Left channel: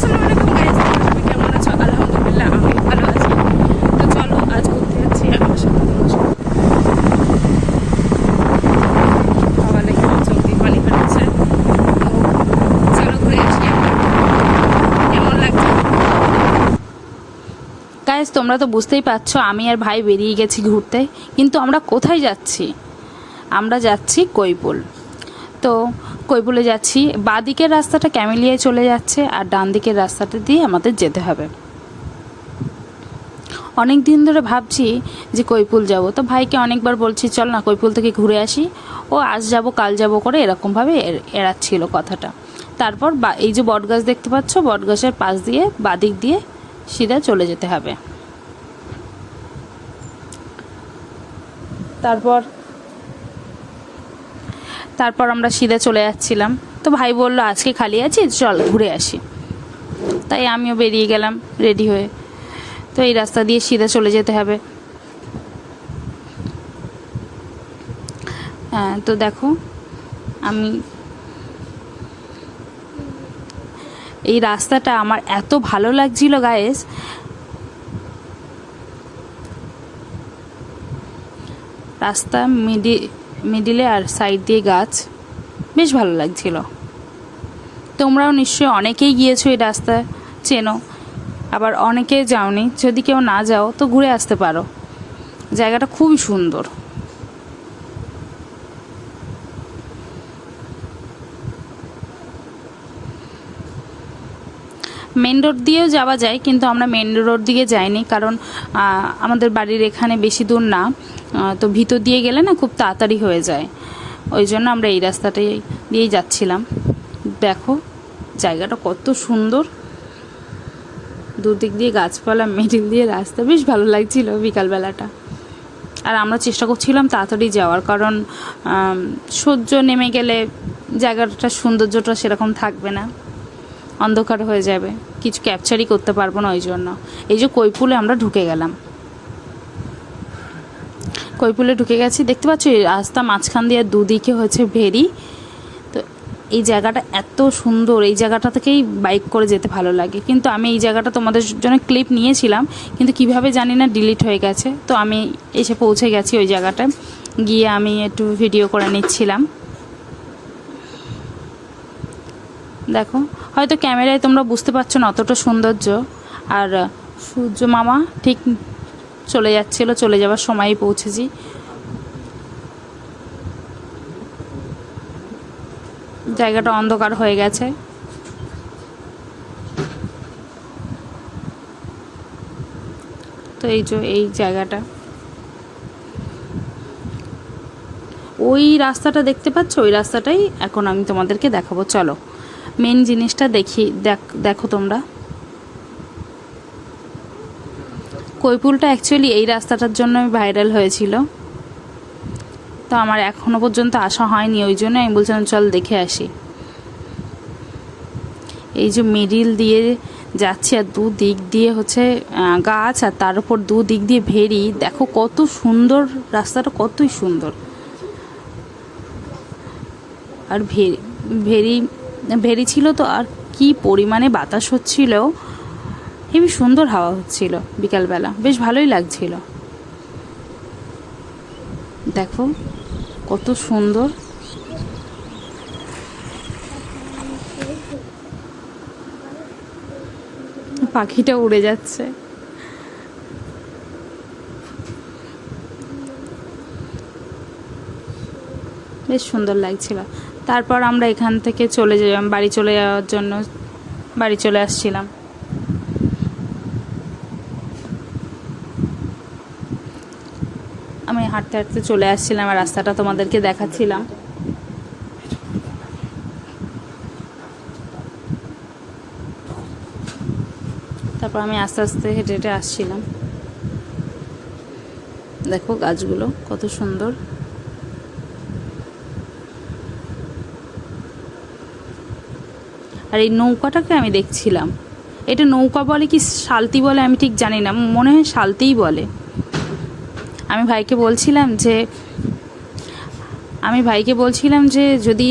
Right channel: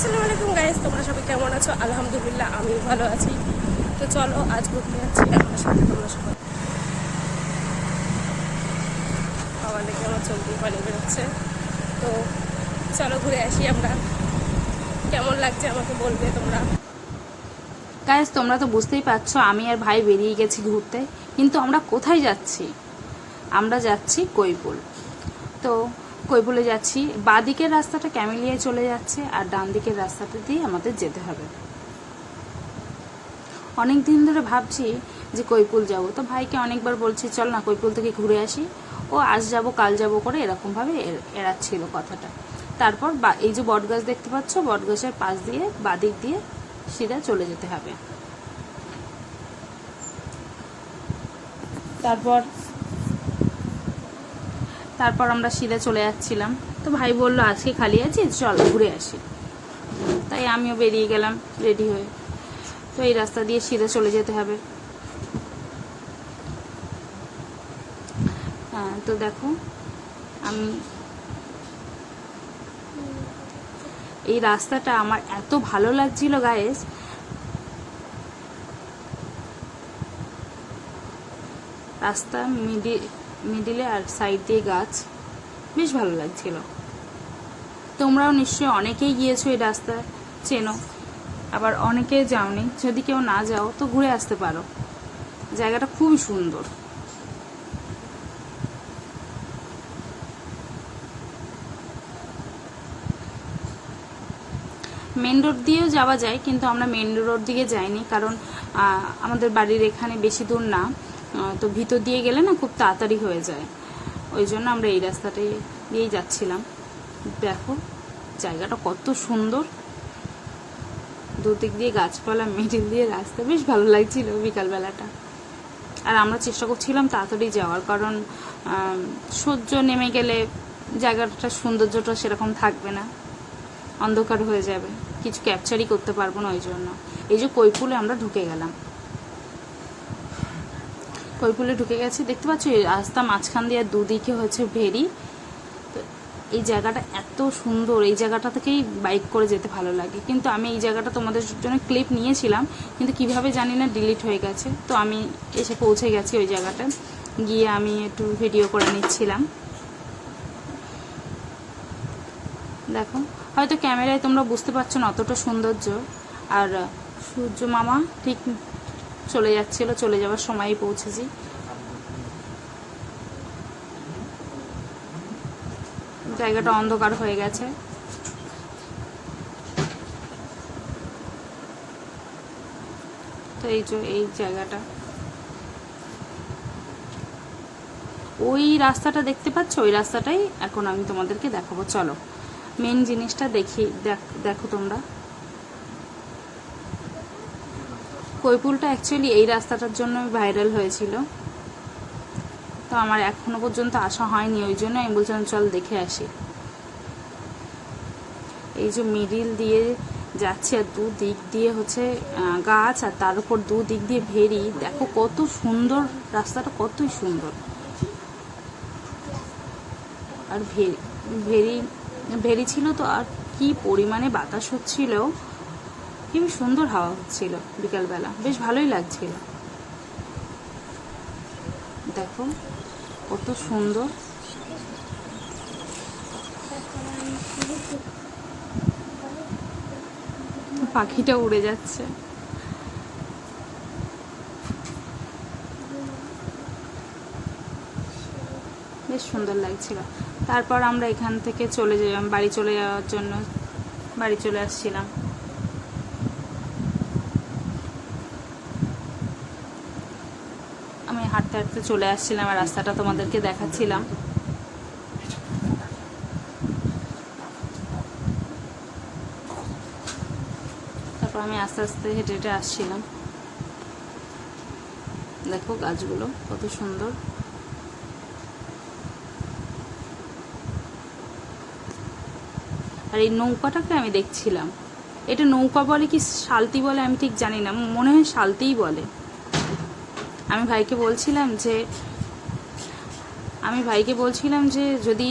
আসসালামু আলাইকুম গাইস, তোমরা সবাই কেমন আছো? আলহামদুলিল্লাহ আমি ভালো আছি। তো চলো আজ ঘুরতে যাচ্ছি আমার সাথে তোমরা সবাই। বাবা দেখে চোখ দিয়ে পানি বেরোচ্ছে। তো চলো ঘুরে আসি আমরা, কেমন লাগছে। গাইস তোমরা তো বুঝতেই পারছো আমি আর ভাই বেরিয়ে গেছি ঘুরতে, কিন্তু আমরা কোথায় যাচ্ছি? আমরা যাচ্ছি কৈপুল। তো কৈপুলে যাচ্ছি, বাঁদিকের রাস্তাটা ক্যামেলিয়ায় চলে যাচ্ছে আর ডান দিকের রাস্তাটা দিয়ে আমাদের যেতে হবে। অনেক দিন ধরে ভাবছি যে কৈপুল যাব, তো ভাইকে অনেকবার বলছি চল না কৈপুল থেকে ঘুরে আসি। ও আজ যাব কাল যাব করে এরকমভাবে এড়াচ্ছিল কথাটা। তারপর এই যে বটগাছ দেখতে পাচ্ছ, বটগাছের পাশ দিয়ে বাঁদিক দিয়ে সিধা চলে যেতে হবে। তারপর আমরা সিধা চলে যাচ্ছিলাম, তো ভাই বললো আজকে খালি আছি চল ঘুরে আসি। তাই আমিও বেরিয়ে গেলাম রেডি হয়ে। তো এই রাস্তা দিয়ে সিধা চলে যেতে হবে। হ্যাঁ, তো দেখো আমি এই রাস্তাটা আমার এত ভালো লাগছিল গাইস। রাস্তা মিডিলে আর সাইড দিয়ে গাছ, বেশ ভালো লাগছিল। তোমরাও নিশ্চয়ই অনেকেই গিয়েছো এই রাস্তা, চেনো, আবার অনেকে যাওনি। যদি কেউ না যাও তো ঘুরে আসতে পারো, জায়গাটা খুবই সুন্দর। মেন রোড দিয়েও যাওয়া যায়, কিন্তু আমরা মেন রোড দিকে যাইনি, কারণ আমাদের বাড়ির এখানে বেশি দূর না। তো ভিতর দিয়ে গেলে না খুব তাড়াতাড়ি হয়ে যায়, ওই জন্য আমরা এই রাস্তাটাই দিয়েই যাচ্ছিলাম। দেখো জায়গাটা কত সুন্দর, দুদিক দিয়ে গাছপালা, মিডিল দিয়ে রাস্তা, বেশ ভালো লাগছিল বিকালবেলাটা। আর আমরা চেষ্টা করছিলাম তাড়াতাড়ি যাওয়ার, কারণ সূর্য নেমে গেলে জায়গাটার সৌন্দর্যটা সেরকম থাকবে না, অন্ধকার হয়ে যাবে, কিছু ক্যাপচারই করতে পারবো না। ওই জন্য এই যে কৈপুলে আমরা ঢুকে গেলাম, কৈপুলে ঢুকে গেছি। দেখতে পাচ্ছ এই রাস্তা মাঝখান দিয়ে দুদিকে হচ্ছে ভেরি। তো এই জায়গাটা এত সুন্দর, এই জায়গাটা থেকেই বাইক করে যেতে ভালো লাগে। কিন্তু আমি এই জায়গাটা তোমাদের জন্য ক্লিপ নিয়েছিলাম, কিন্তু কিভাবে জানি না ডিলিট হয়ে গেছে। তো আমি এসে পৌঁছে গেছি ওই জায়গাটায়, গিয়ে আমি একটু ভিডিও করে নিচ্ছিলাম। দেখো হয়তো ক্যামেরায় তোমরা বুঝতে পারছো না অতটা সৌন্দর্য। আর সূর্য মামা ঠিক চলে যাচ্ছিল, চলে যাওয়ার সময়ই পৌঁছেছি। জায়গাটা অন্ধকার হয়ে গেছে। তো এই যে এই জায়গাটা, ওই রাস্তাটা দেখতে পাচ্ছ, ওই রাস্তাটাই এখন আমি তোমাদেরকে দেখাবো। চলো মেন জিনিসটা দেখো তোমরা। কৈপুলটা অ্যাকচুয়ালি এই রাস্তাটার জন্য ভাইরাল হয়েছিল, তো আমার এখনো পর্যন্ত আসা হয়নি, ওই জন্য আমি বলছিলাম চল দেখে আসি। এই যে মিডিল দিয়ে যাচ্ছি আর দু দিক দিয়ে হচ্ছে গাছ, আর তার উপর দু দিক দিয়ে ভেরি। দেখো কত সুন্দর রাস্তাটা, কতই সুন্দর। আর ভেরি ছিল তো, আর কি পরিমাণে বাতাস হচ্ছিল, হেবি সুন্দর হাওয়া হচ্ছিল বিকালবেলা, বেশ ভালোই লাগছিল। দেখো কত সুন্দর। পাখিটা উড়ে যাচ্ছে। বেশ সুন্দর লাগছিল। তারপর আমরা এখান থেকে বাড়ি চলে যাওয়ার জন্য বাড়ি চলে আসছিলাম। আমি হাঁটতে হাঁটতে চলে আসছিলাম আর রাস্তাটা তোমাদেরকে দেখাচ্ছিলাম। তারপর আমি আস্তে আস্তে হেঁটে হেঁটে আসছিলাম। দেখো গাছগুলো কত সুন্দর। আর এই নৌকাটাকে আমি দেখছিলাম, এটা নৌকা বলে কি শালতি বলে আমি ঠিক জানি না, মনে হয় শালতিই বলে। আমি ভাইকে বলছিলাম যে আমি ভাইকে বলছিলাম যে যদি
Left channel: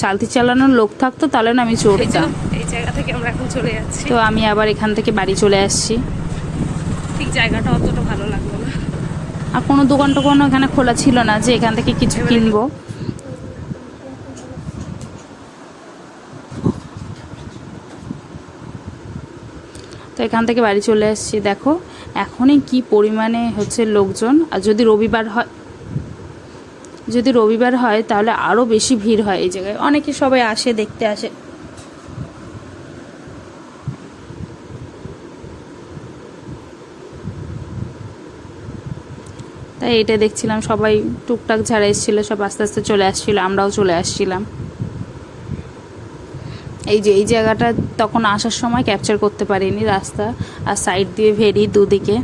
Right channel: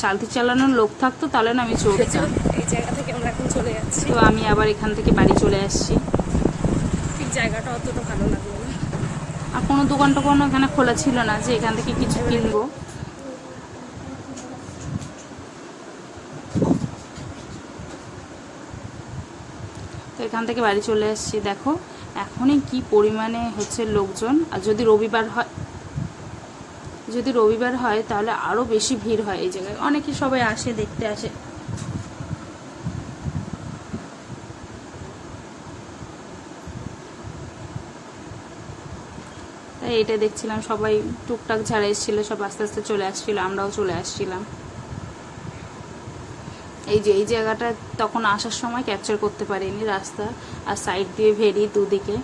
সালতি চালানোর লোক থাকতো তাহলে না আমি এই যে চড়তাম। এই জায়গা থেকে আমরা এখন চলে যাচ্ছি। তো আমি আবার এখান থেকে বাড়ি চলে আসছি। ঠিক জায়গাটা অতটা ভালো লাগলো না। আর কোনো দোকান টোকানও এখানে খোলা ছিল না যে এখান থেকে কিছু কিনবো। তো এখান থেকে বাড়ি চলে আসছি। দেখো এখনই কি পরিমাণে হচ্ছে লোকজন। আর যদি রবিবার হয় তাহলে আরও বেশি ভিড় হয় এই জায়গায়, অনেকে সবাই আসে, দেখতে আসে। তাই এটা দেখছিলাম, সবাই টুকটাক যারা এসেছিলো সব আস্তে আস্তে চলে আসছিলো, আমরাও চলে আসছিলাম। এই যে এই জায়গাটা তখন আসার সময় ক্যাপচার করতে পারিনি, রাস্তা আর সাইড দিয়ে ভেরি দুদিকে।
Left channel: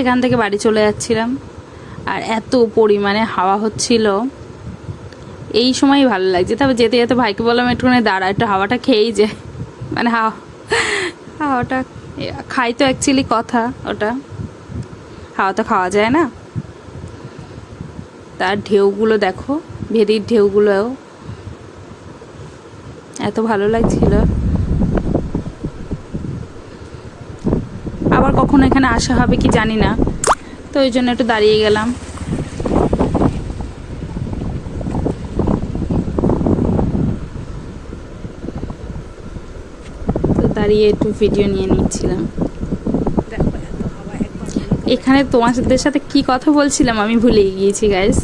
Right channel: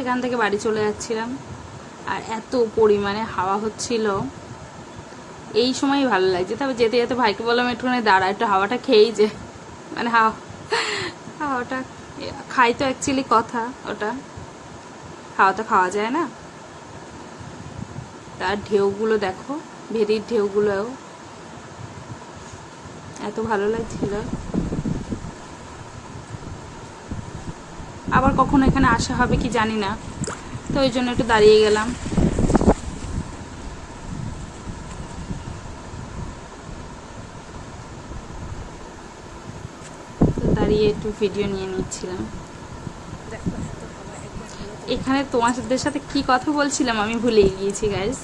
এখান থেকে বাড়ি চলে যাচ্ছিলাম আর এত পরিমাণে হাওয়া হচ্ছিল, এই সময়ই ভালো লাগছে। তবে যেতে যেতে ভাইকে বললাম একটুখানি দাঁড়া, একটু হাওয়াটা খেয়েই যে, মানে হাওয়াটা খাই তো অ্যাকচুয়ালি কথা, ওটা হাওয়া তো খাওয়া যায় না। তার ঢেউগুলো দেখো, ভেরির ঢেউগুলো এত ভালো লাগছিল। আবার কখনো এখানে আসা হবে কি জানি না, তো ওই জন্য একটু দাঁড়িয়ে গেলাম। তো দাঁড়িয়ে একটু ভিডিও নিয়ে নিচ্ছিলাম। দেখো এত হাওয়া একবার হলো তো। এখানে তোমাদের সাথে কি কথা বলছিলাম আমি ভুলে গিয়েছি গাইস।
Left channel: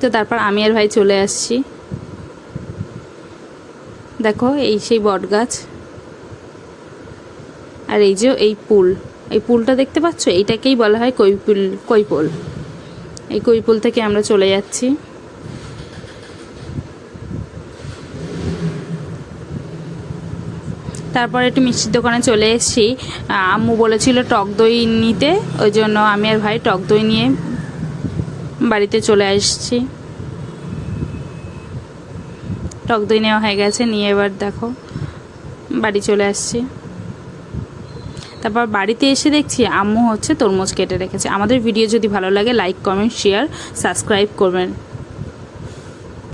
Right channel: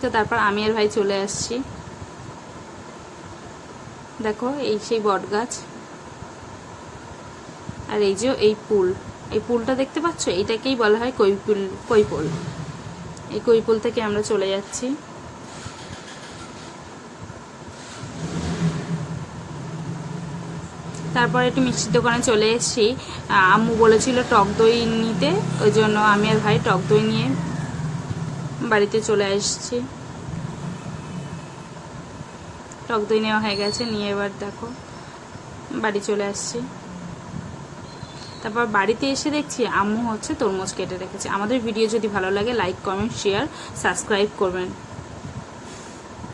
তো তারপর আমি আর ভাই চলে আসছি। দেখো এই সেই বট গাছ, আর এই যে এই পুলটা দেখতে পাচ্ছ, এইটাকেই বলা হয় কৈপুল। এই কৈপুল থেকে আমরা চলে যাচ্ছি। তারপর একটু মিষ্টির দোকানে চলে এসেছি। আম্মু বলেছিল টক দই নিতে, ওই জন্য আমি আর ভাই টক দই নিয়ে বাড়িতে চলে আসছি। টক দই নেওয়া হয়ে গেছে, নিয়ে এবার দেখো বাড়ি চলে আসছি। তারপর বাড়িতে এসে দেখছি আম্মু হচ্ছে তরমুজ কেটে রেখেছে। আমাদের ভিডিও যদি ভালো লাগে লাইক, কমেন্ট, শেয়ার, সাবস্ক্রাইব করবেন।